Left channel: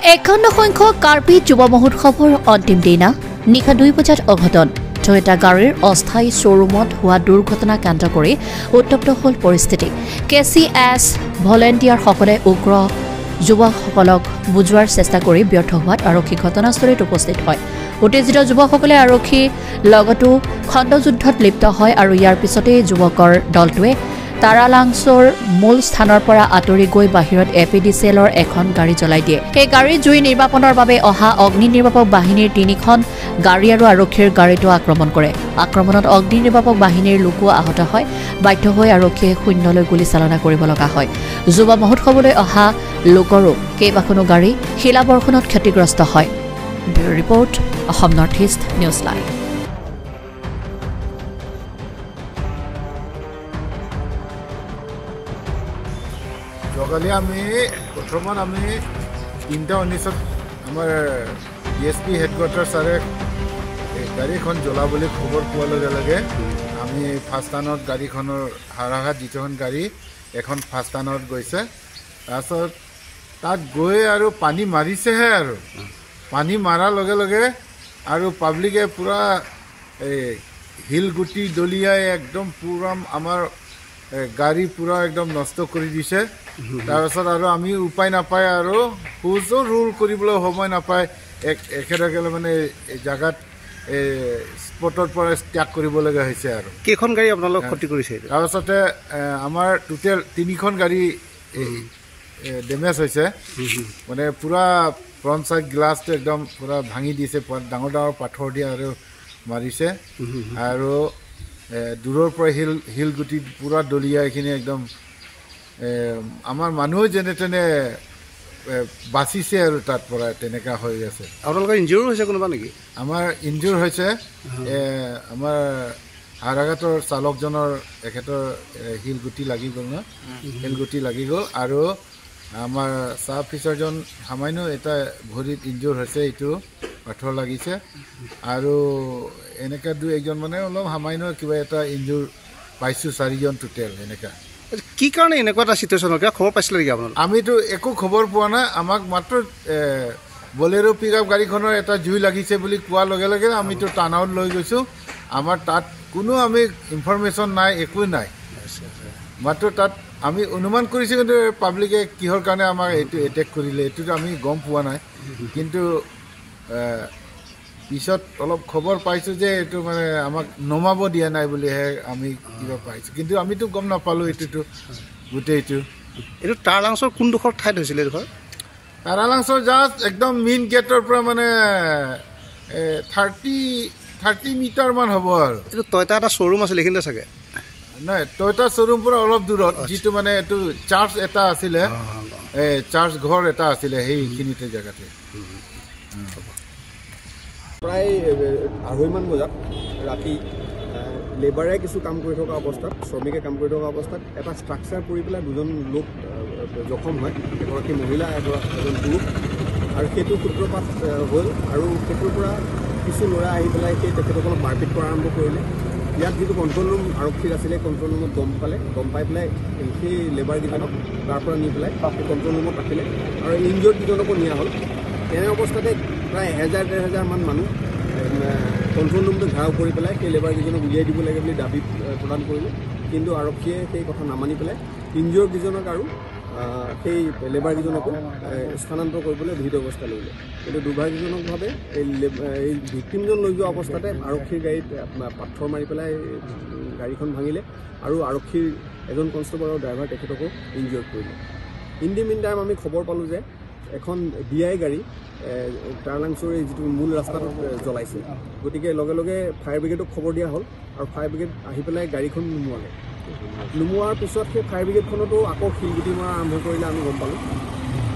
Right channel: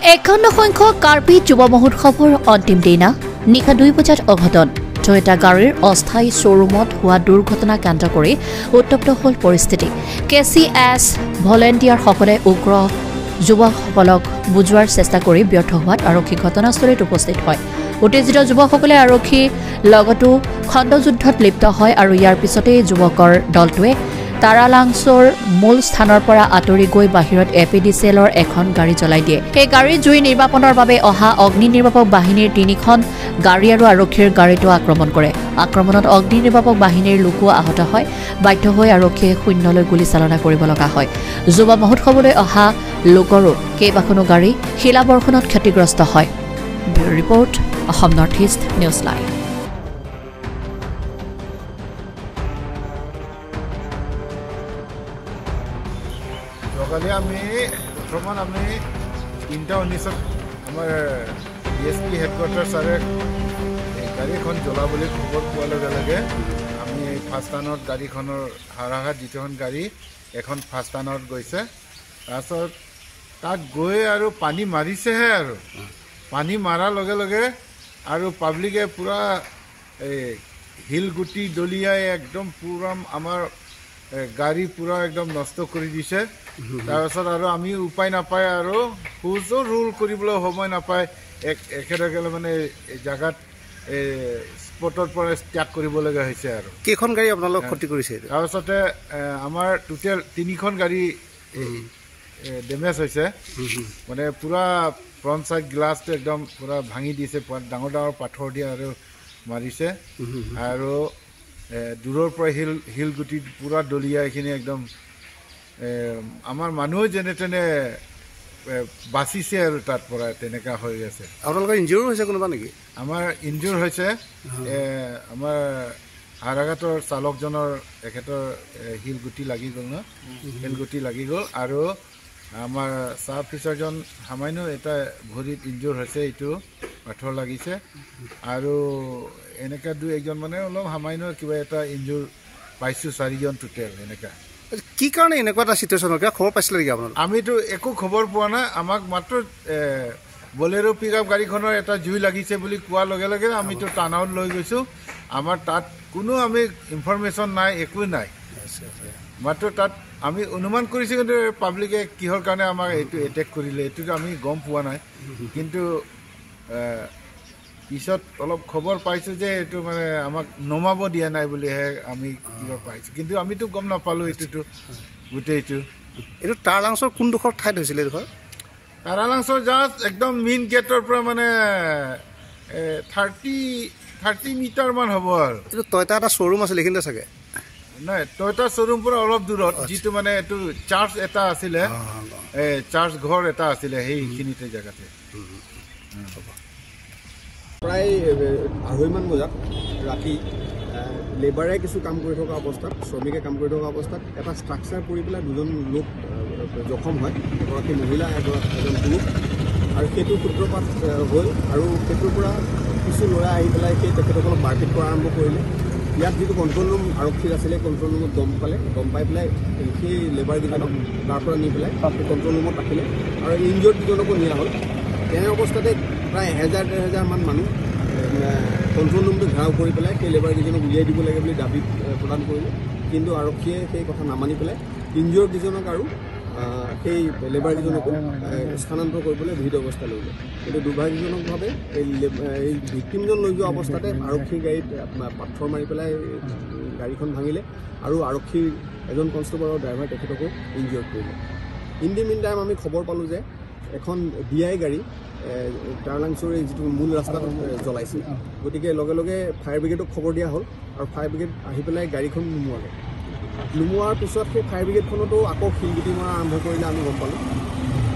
51 সংখ্যক কাৰ্বি যুৱ মহোৎসৱৰ অন্তিম দিনা নিশা 2 বজাত অঘটন টয়োটা গাড়ীৰ অস্থায়ী শ্বৰুমত হোৱা দুৰ্ঘটনা কেন্দ্ৰ কৰি উত্তপ্ত হ'ল পৰিস্থিতি কেচিএছ ভলেণ্টিয়াৰসকলে উগ্ৰ যুৱকসকলক বুজোৱাৰ চেষ্টা কৰি ব্যৰ্থ হোৱাত আৰক্ষী ঘটনাস্থলীত উপস্থিত হয় উত্তেজিত যুৱকসকলে আৰক্ষী লগতো খণ্ডযুদ্ধত লিপ্ত হয় আৰু ইয়াৰ পিছতে যুৱকৰ দলটোৱে তাৰালাংছৰ মূল স্থানৰ পৰা আঁতৰি গৈ বাহিৰত এপিডিচিএলৰ এখন গাড়ী জ্বলাই দিয়ে এই গাড়ী জুই নিৰ্বাপনৰ বাবে অহা অগ্নি নিৰ্বাপক বাহিনীৰ 3খন গাড়ী আৰু আৰক্ষীৰ গাড়ীটো আক্ৰমণ কৰে আক্ৰমণত অগ্নি নিৰ্বাপক বাহিনীৰ লোকো আহত হয় বাধ্য হৈ আৰক্ষীয়ে শূন্যলৈ গুলী চালনা কৰিব লগা হয় যুৱ মহোৎসৱলৈ অহা লোকৰো কেইবাখনো গাড়ী শিলাবৰ্ষণত ক্ষতিগ্ৰস্ত হয় bureau report Assam north east news live আমি বৰ্তমান আমি 3:19 আমাৰ ডিএছপি হেডকোৱাৰ্টাৰ ছাৰে গাড়ীখন জ্বলাবলৈ খবৰ পোৱাৰ লগে লগে আমি ফাৰ্ষ্ট টাৰ্ণত গাড়ীখনৰ হাৰাঘাট যিখন গাড়ী এখন ফাৰ্ষ্ট টাৰ্ণত গৈছে তাৰপিছত তাত গৈ আৰু পানী মাৰিছেহে আৰু পানী মাৰাৰ লগে লগে আৰু পাব্লিকে পূৰা শিলগুটি দলিয়াই একদম পূৰা আমাৰ গাড়ী পূৰা একদম নষ্ট কৰি দিছে তাৰপিছত আৰু আমি উপায় নাপায় আৰু খোজো ৰোল কৰিবলৈ সময় নাপায় একেলগে মানে জেগাত স্পটৰ পৰা ত্যাগ কৰিবলগীয়া হৈছে আৰু কেইখন গাড়ী আপোনালোক ক্ষতি কৰিছে তাৰপিছতে আমাৰ টোটেল 3খন গাড়ী ডেমেজ হৈছে মানে পূৰা ফ্ৰণ্ট চাইড গ্লাছটো একদম পূৰা ভাঙি দিছে ডাঙৰ ডাঙৰ পাথৰ দি আৰু মাৰিছে আৰু দূৰৰ পৰা শিলগুটি পূৰা দলিয়াই এইখিনি একদম আমাৰ মানুহ যেনে তেনে বাচিছে আৰু তাত পৰা তেনেকুৱা হৈ আছে আপোনালোকৰ ইনজিউৰ হৈছে কোনোবা নেকি আমাৰ ইনজিউৰ হৈছে আমাৰ হাৰাঘাটৰ চালকজনৰ এখেতৰ শিলগুটি লাগি গ'ল ন শিলগুটি লাগি গ'ল আৰু আমাৰ চাব অফিচাৰজন সামান্য এটা ভৰিত ইনজিউৰ হৈছে এইটো পাথৰ লাগিছে আৰু এনেকুৱা 2-1জন মানে অলপ সামান্য কিবা এটা ইনজিউৰ পাইছোঁ 4জন টোটেল এনেকুৱা কি কাৰণে এনেকুৱা এটা চিটুৱেশ্যন কিয় খবৰ পাইছিলে নেকি আপোনালোক আমিতো একো খবৰ পোৱা নাই আমাক মাত্ৰ বলেৰো পিকআপ গাড়ীখনৰ এটা জুই লাগিছে বুলি কোৱাৰ লগে লগে আমিতো টানাউট লৈ গৈছোঁ আমাৰ তাত কোনো আমি ইনফৰমেশ্যন নাই একো নাই মাত্ৰ তাত আমি অনুমান কৰিছোঁ কিন্তু পাব্লিকে কিহৰ কাৰণে আমাক এইটো এটেক কৰিলে এইটোতো আমি গম পোৱা নাই কিন্তু পিছত অলপ খবৰ পাইছোঁ যে এইটো মানে আমাক নমাব দিয়া নাই বুলিহে আমি কিবা পাইছোঁ কিন্তু আমিতো গম নাপালোঁ এইটোতো গোটেইটো এইটো তাৰালাংছৰ কোনডোখৰ ঠাইত হৈছিলে এইডোখৰ তাৰালাংছৰ জাষ্ট একদম মেইন গেটৰ পৰা মানে 30 মিটাৰমান হ'ব আৰু এইটো টয়টা এটা শ্ব'ৰুম আছিলে এইখিনিতে চাগে নাই টয়টা শ্ব'ৰুম পৰা অলপ দূৰত যিটো মানে এইটো চাৰ্চ এটা আছিলে চাৰ্চ ঘৰ এটা আছিলে সেইখিনিতে জেগাতে প্ৰায় 2:30মান বজাত ৰাতি লেবাৰে কিছু কাম কৰি থকা অৱস্থাত শ্ৰমিকে কাম কৰি থকা অৱস্থাত এটা ষ্ট্ৰাকচাৰ পৰি পেলাই 2জন লোক জখম হয় এগৰাকী মহিলা এজন পুৰুষ আৰু সেইটো সূত্ৰপাত হ'ল আৰু সেইটোৰ পৰা কিছু ল'ৰা আহি পেলাই সেই তেখেতসকলক মাৰপিট কৰা আৰম্ভ কৰিলে ইয়াত যিটো কণ্ট্ৰল ৰুম আৰক্ষীৰ আছিলে কণ্ট্ৰল ৰুমত গম পাই পেলাই সেই লেবাৰকেইজনক তাৰ পৰা নি পেলাই সেই কণ্ট্ৰল ৰুমত ৰাখিলে আৰু ইনজিয়ৰ্ড কেইজনকো নিয়া হ'ল এনে অৱস্থাতে প্ৰায় 1000-1500 মান মানুহ কণ্ট্ৰল ৰুমটো ঘেৰাও কৰি পেলাই সেই লেবাৰকেইজনক উলিয়াই দিব লাগে বুলি দাবী প্ৰদান কৰিলে কিন্তু আৰক্ষীয়ে সেই কথা নামানি পেলাই ইনজিয়ৰ্ড কেইজনক আৰু সেই লেবাৰকেইজনকো স্থানান্তৰ কৰিবলৈ ভিত অৱস্থা ল'লে কিন্তু দুৰ্ভাগ্যজনকভাৱে এই ভিক্টিমজন লৈ যোৱা অৱস্থাতে আৰক্ষীৰ গাড়ীত পাথৰ মাৰি পেলাই গাড়ীখন ভাঙিলে আৰু আৰক্ষীৰ এজন কনষ্টেবল আৰু ড্ৰাইভাৰ তেখেতকো ইনজিয়ৰ্ড কৰিলে ইন দি মিন টাইম আমি খবৰ পালোঁ যে এখন DI গাড়ী তাৰালাংছৰ যিটো মূল ৰাস্তাটোত জ্বলাইছে গতিকে লগে লগে ফায়াৰ ব্ৰিগেডক খবৰ দিয়া হ'ল আৰু ফায়াৰ ব্ৰিগেড আহি পেলাই গাড়ীখন নুমোৱাৰ পিছত সেই ফায়াৰ ব্ৰিগেডখনতো আকৌ শিলগুটি মৰা আৰম্ভ কৰিলে আমি গম পালোঁ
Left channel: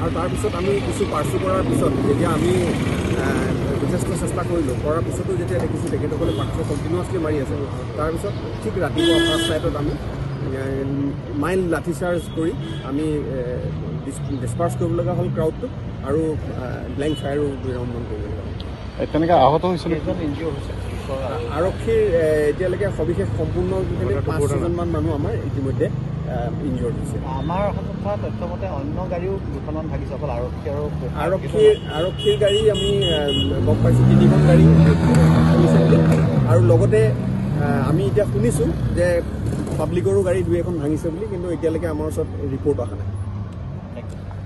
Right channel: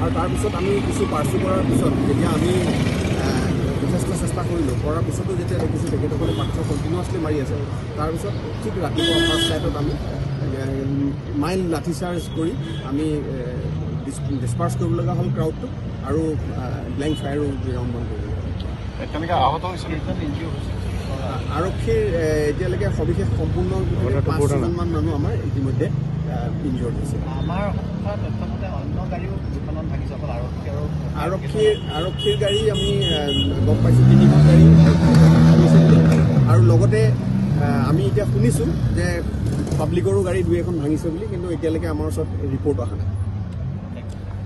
আৰু তাৰপিছত আমি কিছু পাৰ্চু কৰাৰ পিছত যেতিয়া আমি যথেষ্ট চেষ্টা কৰিলোঁ কৰাৰ পিছতো যেতিয়া দেখিছোঁ তেখেতসকলে পাথৰ কণ্টিনিউৱাছলি মাৰি আছে তাৰপিছত ঠিক ৰাতিপুৱা ফাৰ্ষ্ট লাইটত আমি মাইল্ড লাঠি চাৰ্জ কৰি আমি ডিছপাৰ্চ কৰিব লগা হ'ল ক্ৰাউডটোক আৰু ব্লেংক ফায়াৰো বিৰামমান কৰিব লগা হ'ল তেনেকৈ আহত হৈছিল আৰক্ষীৰ এতিয়ালৈকে সবিশেষ সম্পূৰ্ণ 5জনমান মানুহ আমাৰ ইতিমধ্যে ইনজৰ্ড হৈছে। আমাৰ তথ্যমতে অন্য গাড়ীও দুখনমান ভাগিছে, অকল আৰক্ষীৰ গাড়ী আমি গম পাইছোঁ 3খন গাড়ী ভাঙিছে আৰু লগতে আমি এতিয়া শুনিছোঁ যে পাব্লিকৰো গাড়ী 2 এখন ভাঙিছে বুলি, কিন্তু এতিয়ালৈকে আমাৰ ওচৰত ৰিপৰ্ট অহা নাই।